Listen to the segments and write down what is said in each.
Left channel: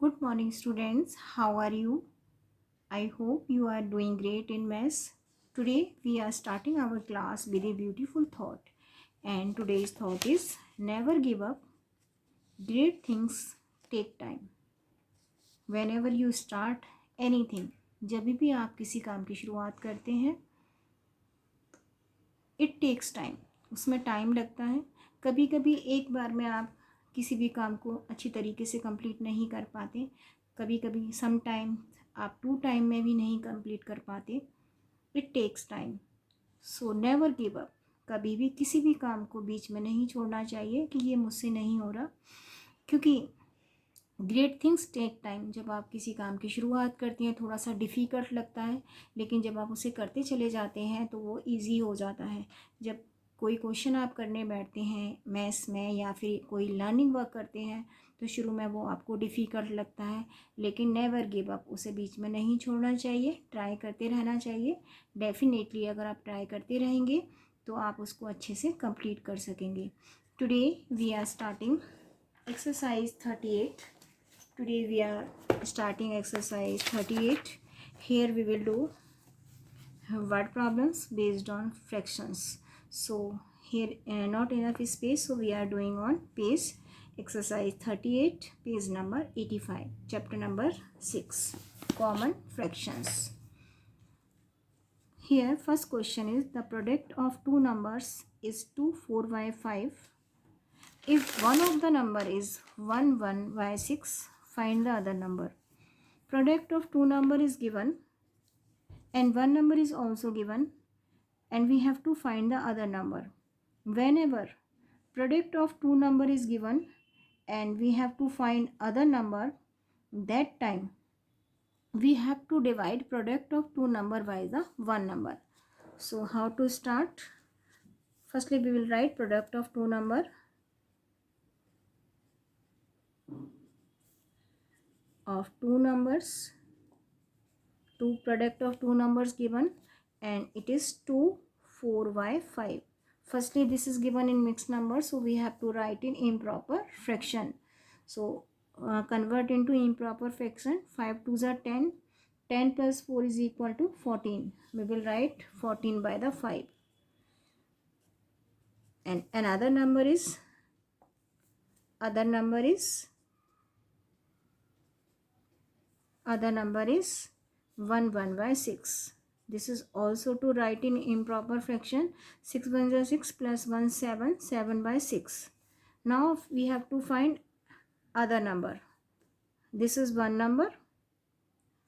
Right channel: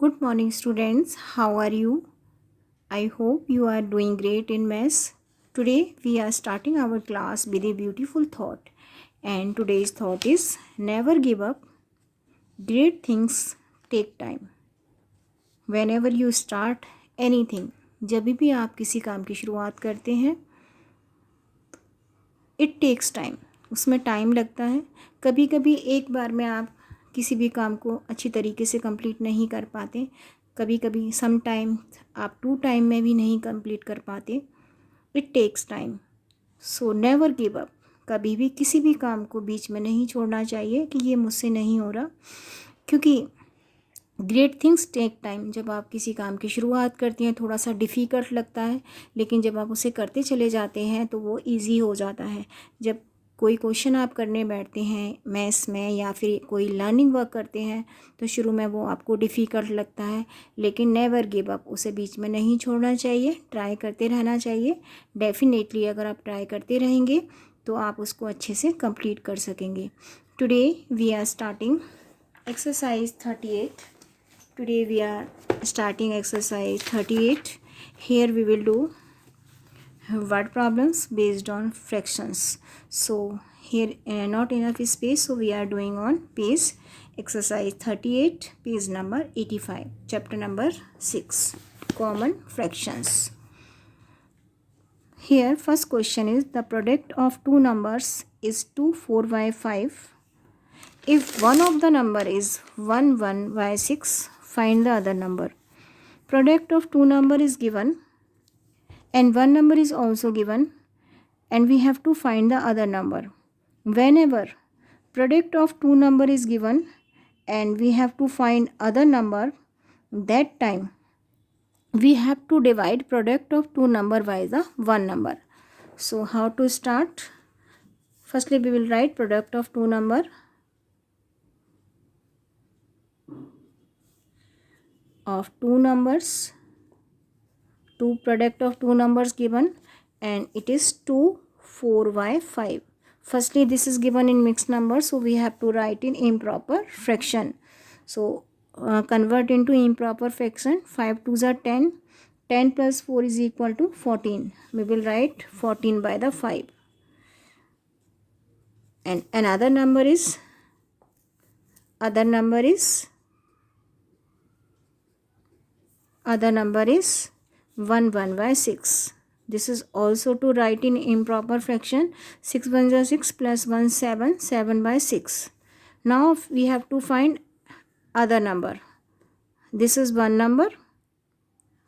Good morning, students. How are you? I hope you are doing great in maths. Today we are starting our class with a beautiful thought. And today's thought is never give up. Great things take time. Whenever you start anything, जब भी आप किसी काम की शुरुआत करते हैं, it takes time. उसमें टाइम लगता है. कभी कभी एक बार में आप किसी भी काम को अच्छी तरीके से कंप्लीट नहीं कर पाते. कभी कभी सम टाइम आप 2 टाइम में भी नहीं कंप्लीट कर पाते. It takes time. So never give up. कभी भी किसी भी काम को बीच में नहीं छोड़ना चाहिए कि ये मुझसे नहीं हो रहा, क्योंकि ग्रेट थिंग्स टेक टाइम. जब आप किसी काम की शुरुआत करती हैं थोड़ा सा डिफ़िकल्ट लगता है, लेकिन जब आप उसे करते चले जाते हैं तो वो इजी हो जाता है. जब कोई क्वेश्चन आप करने बैठते हैं मैथ्स में या फिर कोई लर्निंग वर्क करते हैं तो शुरू में वो आपको डिफ़िकल्ट लगता है, लेकिन नेवर गिव अप. उसे बीच में नहीं छोड़ना चाहिए, ट्राई करते रहना चाहिए. डेफिनेटली अगर आप ट्राई करते रहेंगे तो आप उसको अच्छे से कंप्लीट कर सकेंगे. Today we are starting exercise 38. Today we are starting exercise 38. Here we will do word problems based on fractions. So here not enough space, so we are doing on page exercise 38, page number 85, chapter number 6, common fractions. Here first question is the product of two numbers is 2 4 by 5. If one of the number is 1 1 by 6, find the other number. Product of two number is given and one number is also given and we have to find the other number. Whenever product of two number is given and we have to find other number, that time we have to divide product of two number by the one number. So how to start? Firstly we will write product of two number of two numbers. Two product of two numbers given and it is 2 4 by 5. Firstly this is given in mixed number, so we have to write in improper fraction. So convert into improper fraction. 5 2s are 10. 10 plus 4 is equal to 14. We will write 14 by the 5. And another number is 1 1 by 6. This is also to write in improper fraction. 6 1 is 6 plus 1 7, 7 by 6. Now we have to find other number. This is one number,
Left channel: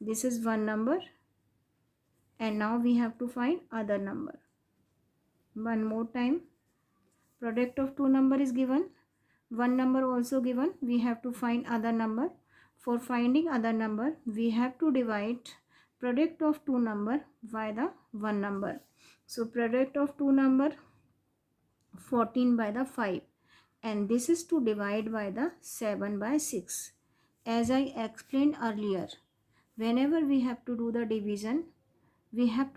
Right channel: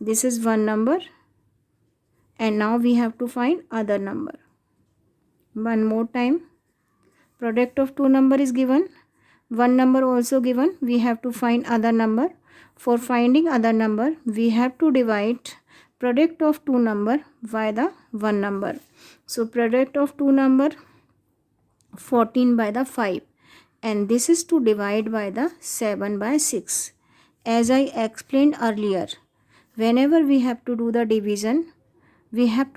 this is one number, and now we have to find other number. One more time. Product of two number is given, one number also given, we have to find other number. For finding other number we have to divide product of two number by the one number. So product of two number 14 by the 5 and this is to divide by the 7 by 6. As I explained earlier, whenever we have to do the division, we have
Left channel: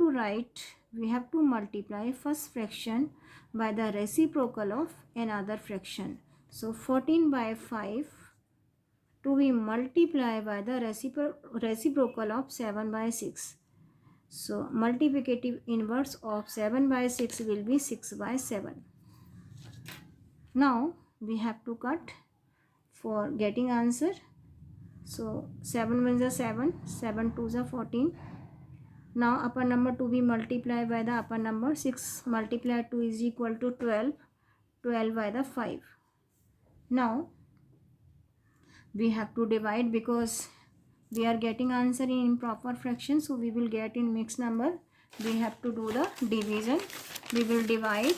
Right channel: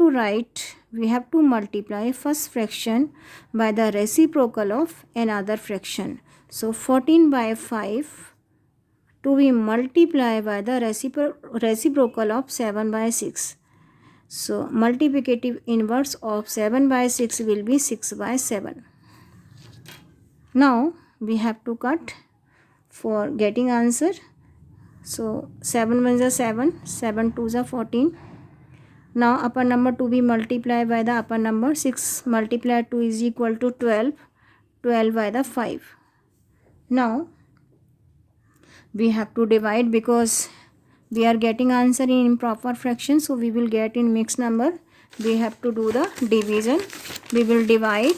to multiply first fraction by the reciprocal of another fraction. So 14 by 5 to be multiplied by the reciprocal of 7 by 6. So multiplicative inverse of 7 by 6 will be 6 by 7. Now we have to cut for getting answer. So 7 1 is 7, 7 2 is 14. Now upper number to be multiplied by the upper number. 6 multiplied 2 is equal to 12, 12 by the 5. Now we have to divide because we are getting answer in improper fraction, so we will get in mixed number. We have to do the division. We will divide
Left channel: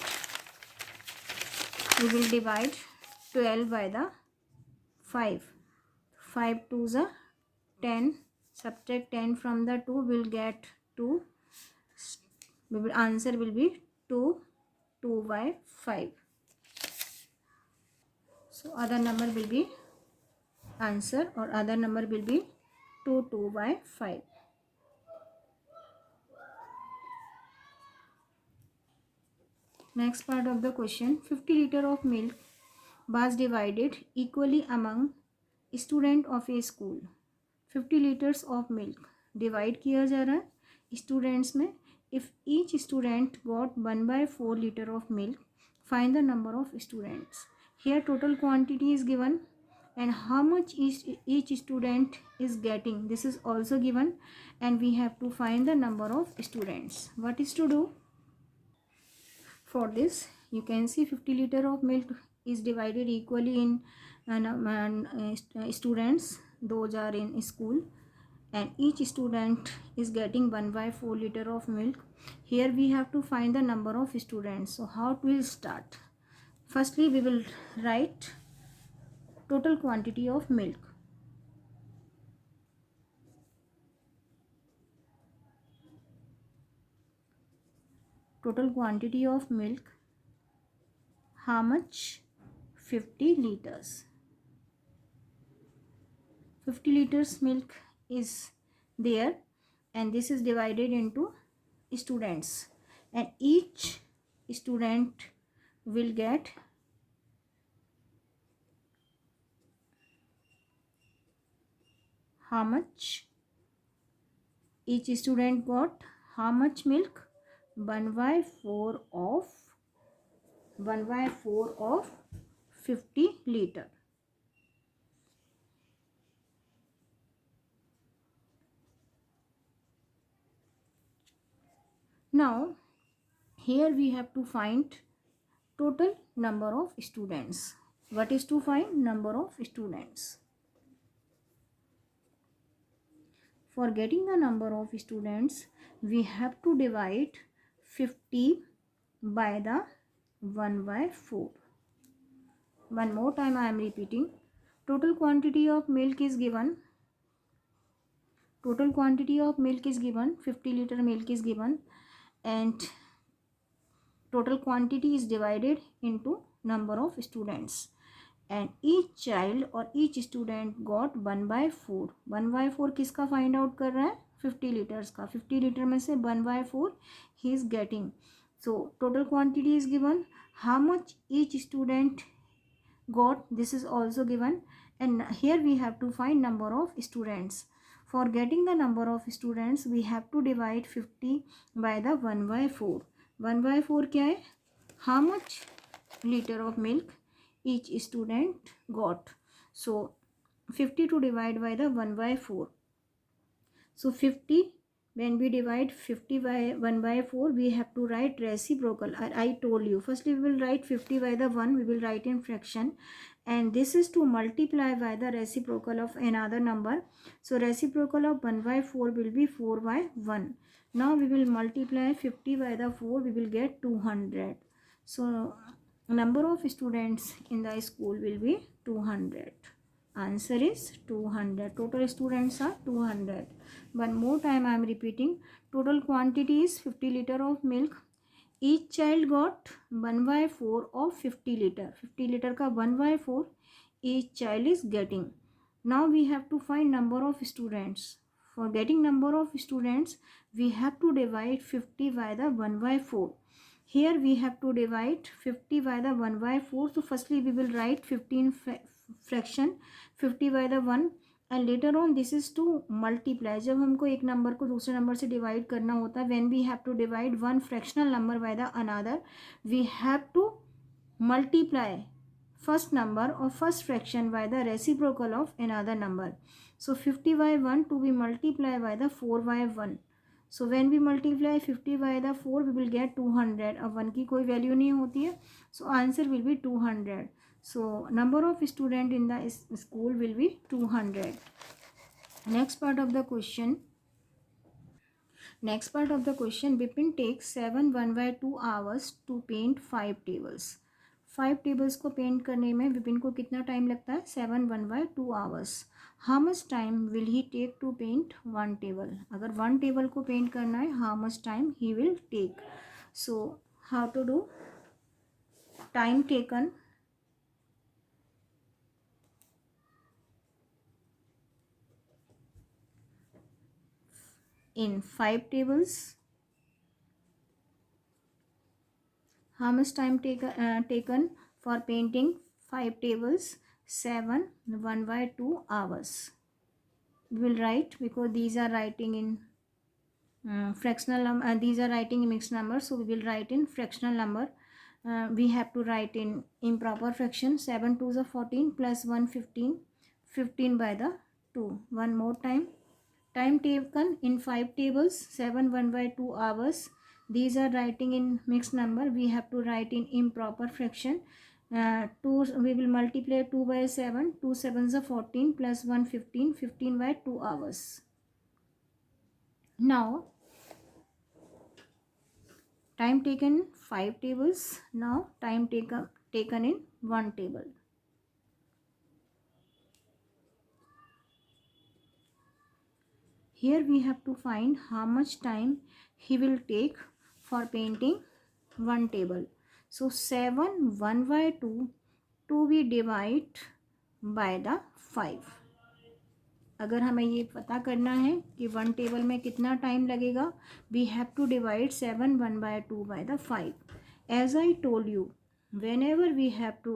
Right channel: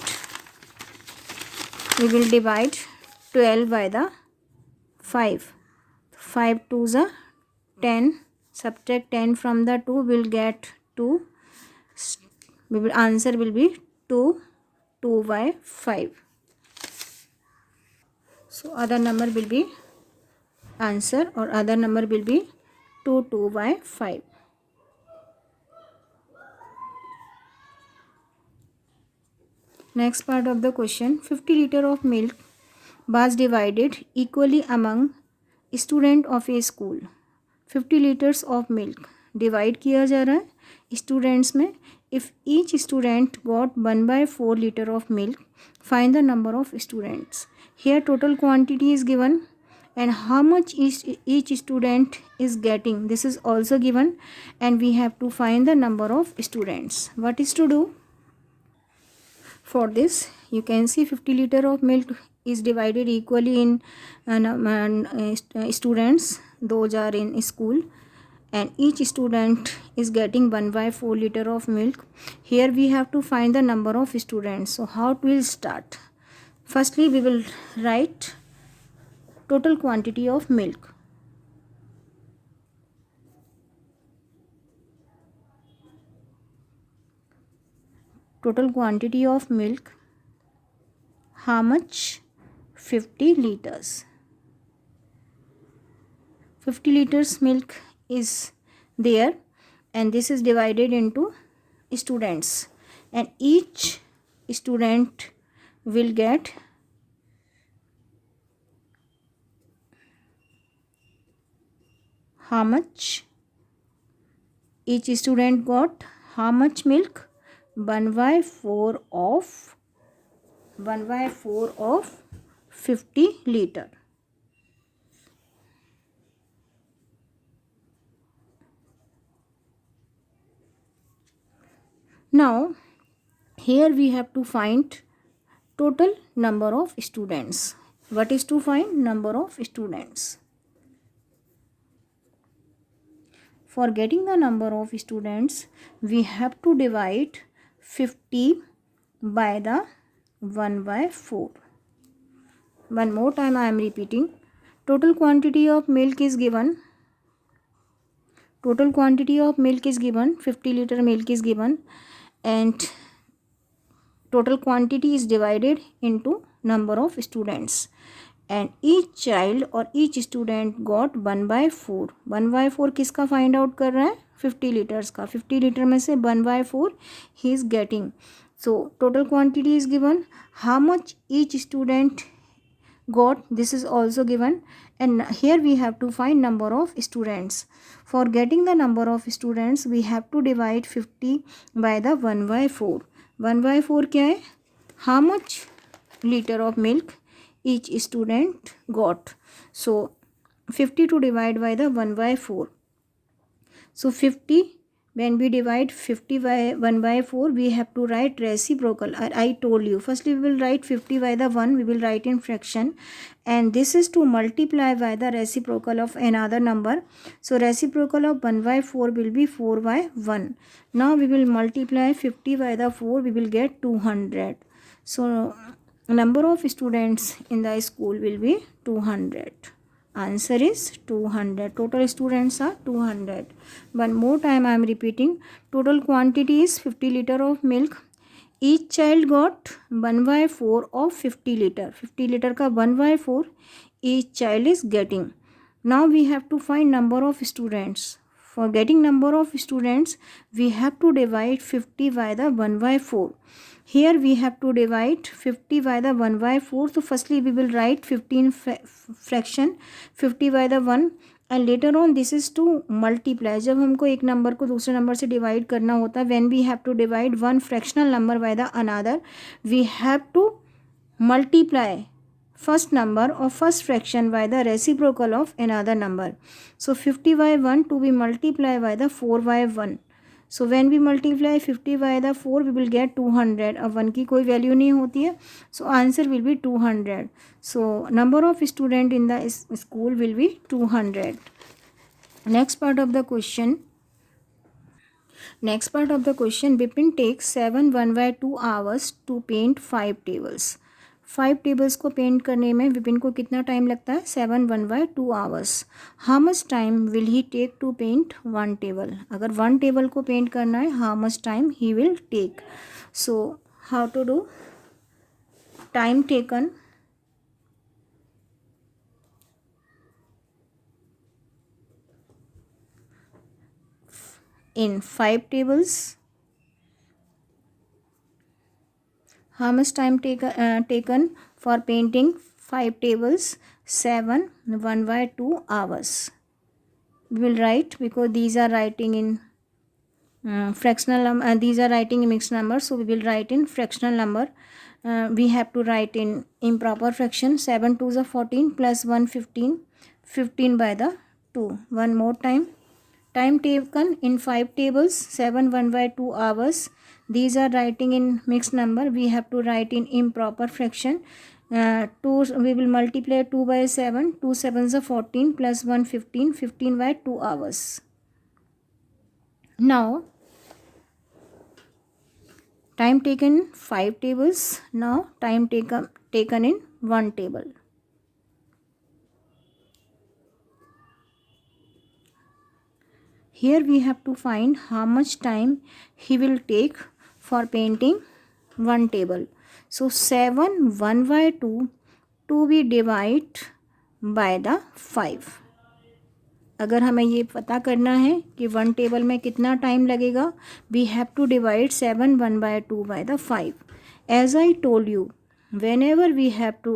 12 by the 5. 5 2s are 10. Subtract 10 from the 2 will get 2. Answer will be 2 by 5. So other number will be answer, or other number will be 2 by 5. Next part of the question, 50 liter of milk was divided equally among student of A school 50 litres of milk divide किया जा रहा है students में. If each student got 1/4 litre of milk find the number of students. Here total quantity is given and how much each student is getting, this is also given, and we have to find the number of students. What is to do? For this you can see 50 liter of milk is divided equally in students, those are in school, and each student is getting 1/4 liter of milk. Here we have to find the number of students. So how we will start? Firstly we will write total quantity of milk. Total quantity of milk, how much? 50 liters. 50 liters milk is there, and this is divided into students, and each student will get how much? Each student got how much milk? 1/4 of 50 liter. Now here we have to find total number of students. What is to find? Number of students. For getting the number of students, we have to divide 50 by the 1/4. One more time I am repeating. Total quantity of milk is given. Total quantity of milk is given. 50 liter milk is given, and total quantity is divided into number of students. And each child और each student got 1/4. 1/4 किसका find out कर रहा है? 50 litres का. 50 litre में से 1/4 he is getting. So total quantity is given. How much each student got, this is also given, and here we have to find number of students. For getting the number of students we have to divide 50 by the 1/4. 1/4 क्या है? How much liter of milk each student got? So 50 to divide by the 1/4. So 50, when we divide 50 by 1/4 we have to write reciprocal. I told you, firstly we will write 50 by the 1, we will write in fraction, and this is to multiply by the reciprocal of another number. So reciprocal of 1/4 will be 4/1. Now we will multiply 50 by the 4, we will get 200. So number of students in the school will be 200. Answer is 200. Total students are 200. One more time I am repeating. Total quantity is 50 liter of milk. Each child got 1/4 of 50 liter. 50 liter का 1/4 each child is getting. Now we have to find number of students. For getting number of students we have to divide 50 by the 1/4. Here we have to divide 50 by the 1/4. So firstly we will write 15 fraction 50 by the 1, and later on this is to multiply. जब हमको एक number को दूसरे number से divide करना होता है, when we have to divide one fractional number by the another, we have to multiply first number or first fraction by the reciprocal of another number. So 50 by 1 to be multiplied by the 4/1. So when we multiply 50 by the 4 we will get 200. अब 1 की कोई value नहीं होती है, so answer will be 200. So number of student in the school will be 200. Next part of the question. Bipin takes 7 1/2 hours to paint 5 tables. 5 tables को paint करने में विपिन को कितना टाइम लगता है? 7 1/2 hours. How much time will he take to paint 1 table? अगर 1 table को paint करना है, how much time he will take? So how to do? Time taken in 5 tables. How much time taken for painting 5 tables? 7 1/2 hours. We will write, because these are writing in fractional number, these are writing in mixed number, so we will write in fractional number. We have to write in improper fraction. 7 2s are 14 plus 1 15, 15 by the 2. One more time. Time taken in 5 tables, 7 1/2 hours. These are writing in mixed number. We have to write in improper fraction. 2, we will multiply 2 by 7. 2 7s are 14 plus 1 15, 15 by 2 hours. Now, time taken in 5 tables. Now, time taken in 1 table. Here we have to find how much time he will take for painting 1 table. So 7 1/2 to be divide by the 5. अगर हमें ये पता करना है कि 1 table में कितना time लगेगा, we have to divide 7 1/2 by the 5. As I told you, whenever we have to,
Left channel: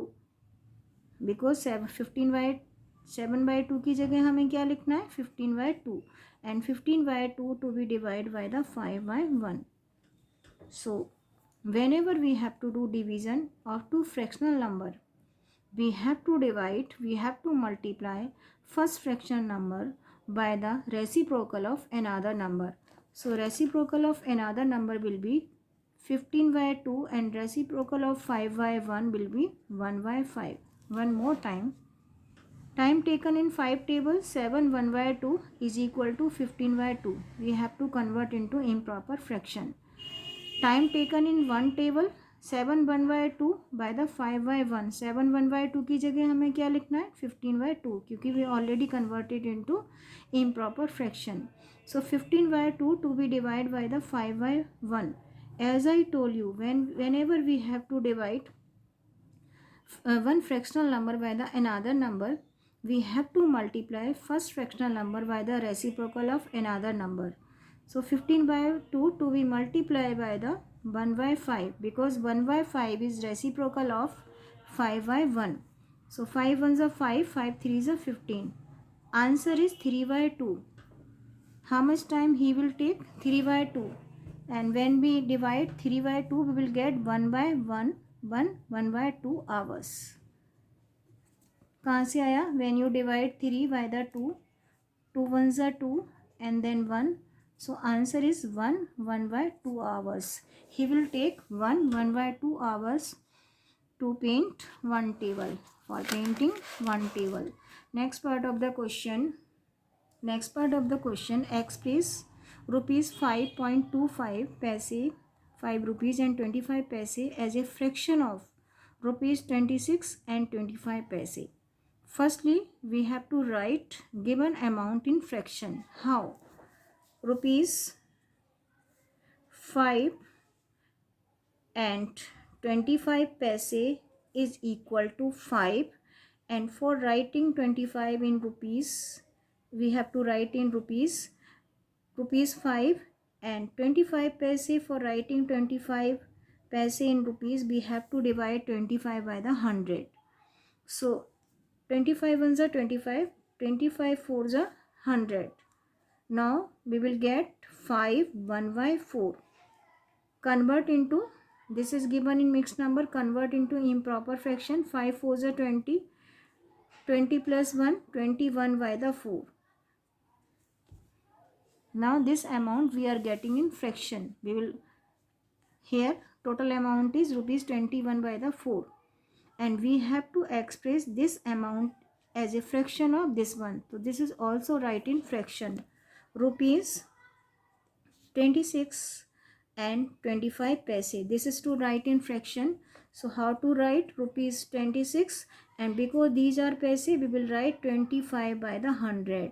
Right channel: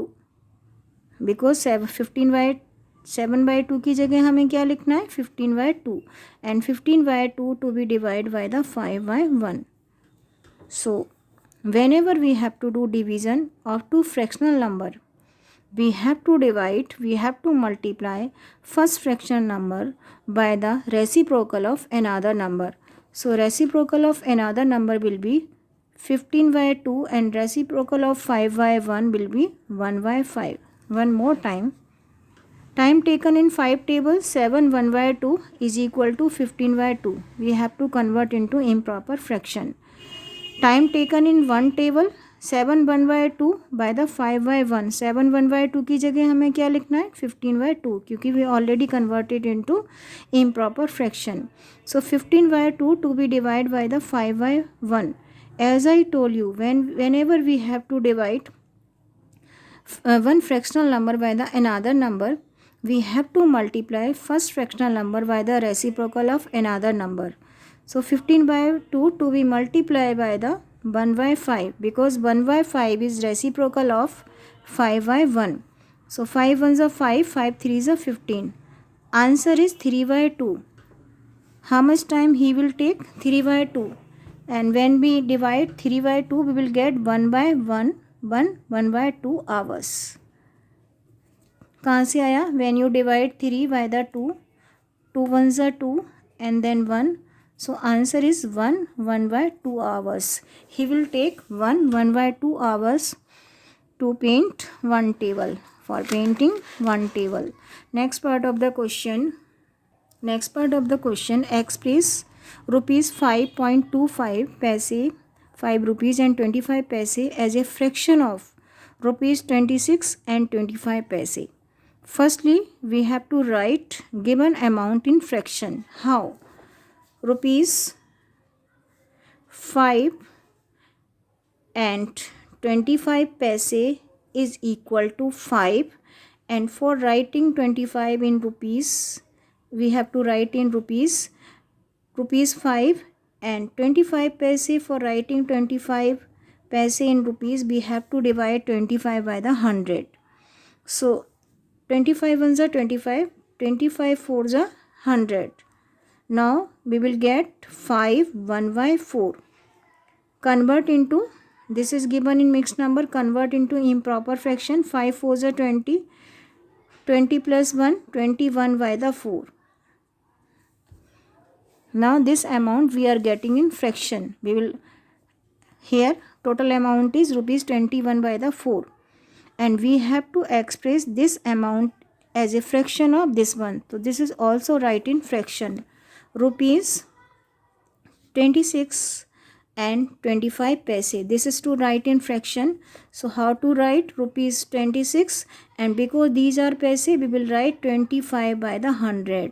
because 7/2 की जगह हमें क्या लिखना है, 15/2, and 15/2 to be divided by the 5/1. So whenever we have to do division of two fractional number, we have to multiply first fractional number by the reciprocal of another number. So reciprocal of another number will be 15/2 and reciprocal of 5/1 will be 1/5. One more time. Time taken in 5 tables, 7 1/2 is equal to 15/2. We have to convert into improper fraction. Time taken in 1 table, 7 1/2 by the 5/1. 7 1/2 की जगह हमें क्या लिखना है, 15/2, क्योंकि we already converted into improper fraction. So 15/2 to be divided by the 5/1. As I told you, whenever we have to divide one fractional number by the another number, we have to multiply first fractional number by the reciprocal of another number. So 15/2 to be multiplied by the 1/5, because 1/5 is reciprocal of 5/1. So 5 1s are 5, 5 3s are 15. Answer is 3/2. How much time he will take? 3/2. And when we divide 3/2, we will get 1/1, 1/2 hours. कहाँ से आया? When you divide 3 by the 2, 2 1s are 2 and then 1. So answer is 1/2 hours. He will take 1/2 hours to paint 1 table, for painting 1 table. Next part of the question, express rupees 5.25 paise, 5 rupees and 25 paise as a fraction of rupees 26 and 25 paise. Firstly, we have to write given amount in fraction. How? Rupees 5 and 25 paise is equal to 5, and for writing 25 in rupees, we have to write in rupees 5, and 25 paise. For writing 25 paise in rupees, we have to divide 25 by the 100. So 25 1s are 25, 25 4s are 100. Now we will get 5 1/4. Convert into, this is given in mixed number, convert into improper fraction. 5 4s are 20, 20 plus 1, 21 by the 4. Now this amount we are getting in fraction. We will, here total amount is rupees 21 by the 4. And we have to express this amount as a fraction of this one. So this is also write in fraction. Rupees 26 and 25 paise. This is to write in fraction. So how to write? Rupees 26, and because these are paise, we will write 25 by the 100.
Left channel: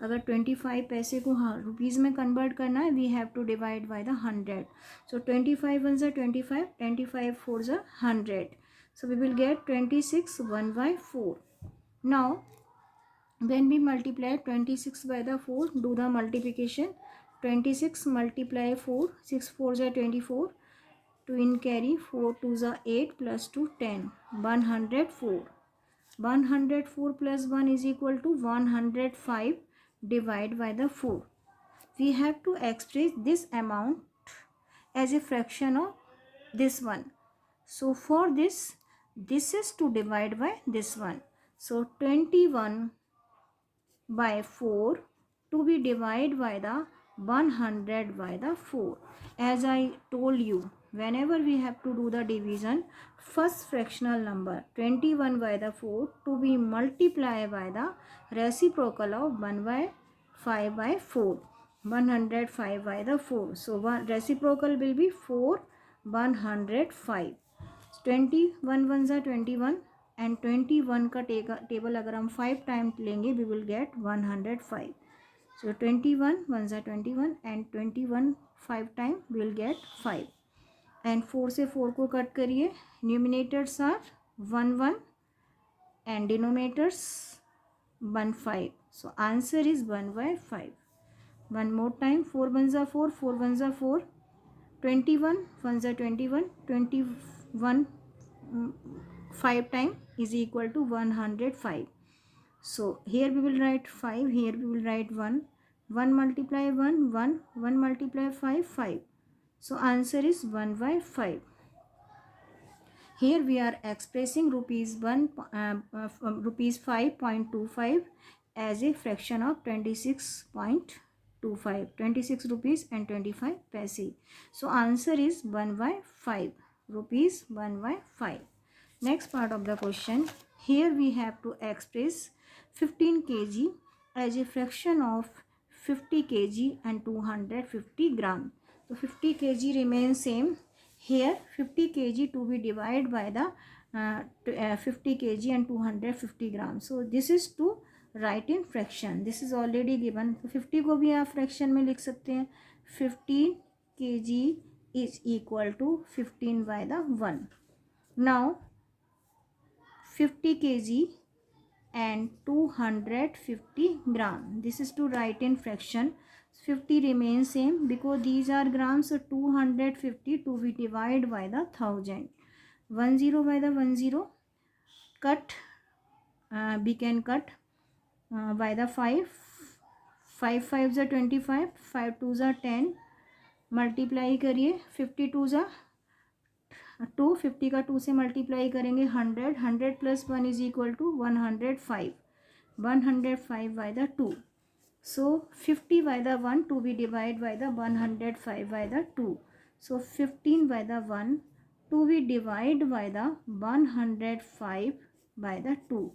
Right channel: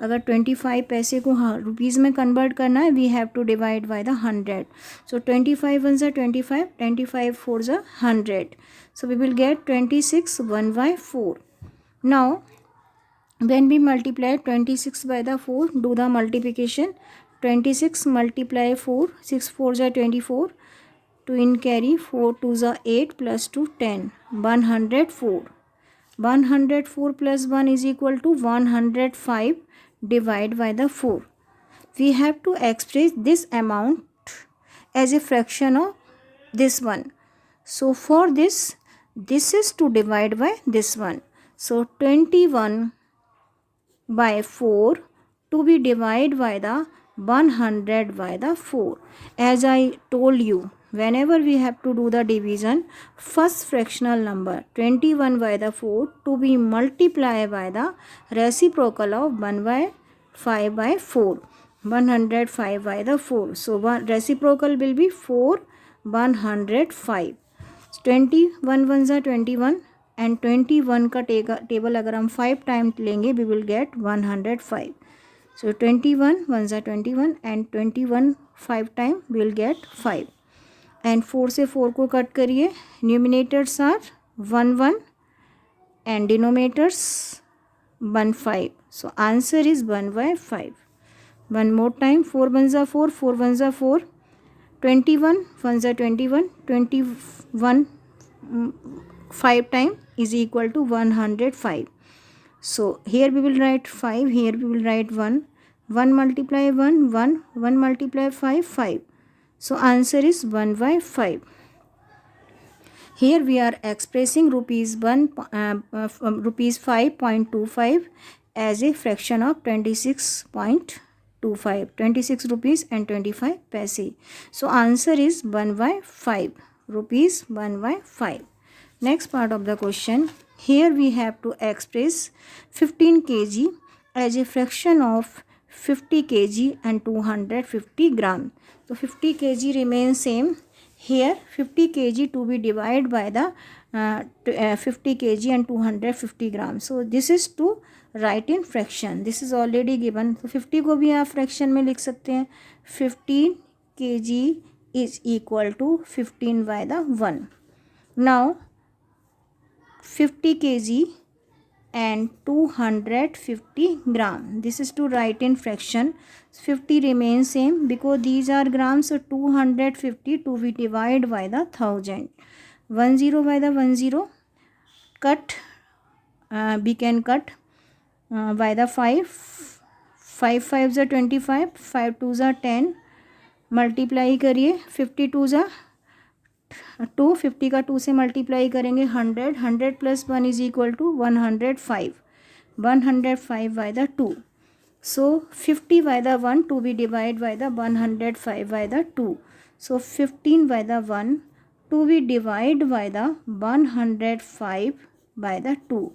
अगर 25 पैसे को rupees में convert करना है, we have to divide by the 100. सो 25 1s are 25, 25 4s are 100. So we will get 26 1/4. Now when we multiply 26 by the 4, do the multiplication. 26 multiply 4, 6 4s are 24, 2 in carry, 4 2s are 8 plus 2 10, 104. 104 plus 1 is equal to 105 divided by the 4. We have to express this amount as a fraction of this one. So for this is to divide by this one. So 21 by 4 to be divided by the 100 by the 4. As I told you, whenever we have to do the division, first fractional number 21 by the 4 to be multiplied by the reciprocal of 1 by 5 by 4. 105 by the 4. So one reciprocal will be 4 105. 21 ones are 21 and 21 का table अगर हम 5 time लेंगे we will get 105. So 21 ones are 21 and 21 5 time we will get 5. And 4 से 4 को cut करिए. Numerators are 1 1 and denominators 1 5. So answer is 1 by 5. One more time. 4 ones are 4, 4 ones are 4. 21 ones are 21, 21 5 time is equal to 105. So here we will write 5, here we will write 1. 1 multiply 1, 1. 1 multiply 5, 5. So answer is 1 by 5. Here we are expressing rupees 5.25 as a fraction of 26.25. 26 rupees and 25 paise. So answer is 1 by 5. Rupees 1 by 5. Next part of the question. Here we have to express 15 kg as a fraction of 50 kg and 250 gram. So 50 kg remains same. Here 50 kg to be divided by the 50 kg and 250 gram. So this is to write in fraction. This is already given. So 50 को भी आप fraction में लिख सकते हैं. 15 kg is equal to 15 by the 1. Now 50 kg and 250 gram. This is to write in fraction. 50 remains same because these are grams. So 250 to be divided by the 1000. 10 by the 10. Cut. We can cut by the 5. 5 5s are 25. 5 2s are 10. Multiply करिए. 52s are 2. 50 का 2 से multiply करेंगे 100. 100 plus 1 is equal to 105. 105 by the 2. So 50 by the 1 to be divided by the 105 by the 2. So 15 by the 1 to be divided by the 105 by the 2.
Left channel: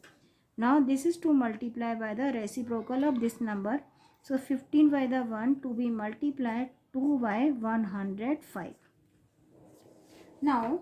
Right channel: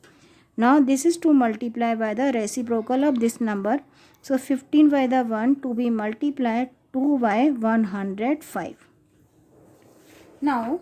Now this is to multiply by the reciprocal of this number. So 15 by the 1 to be multiplied 2 by 105. Now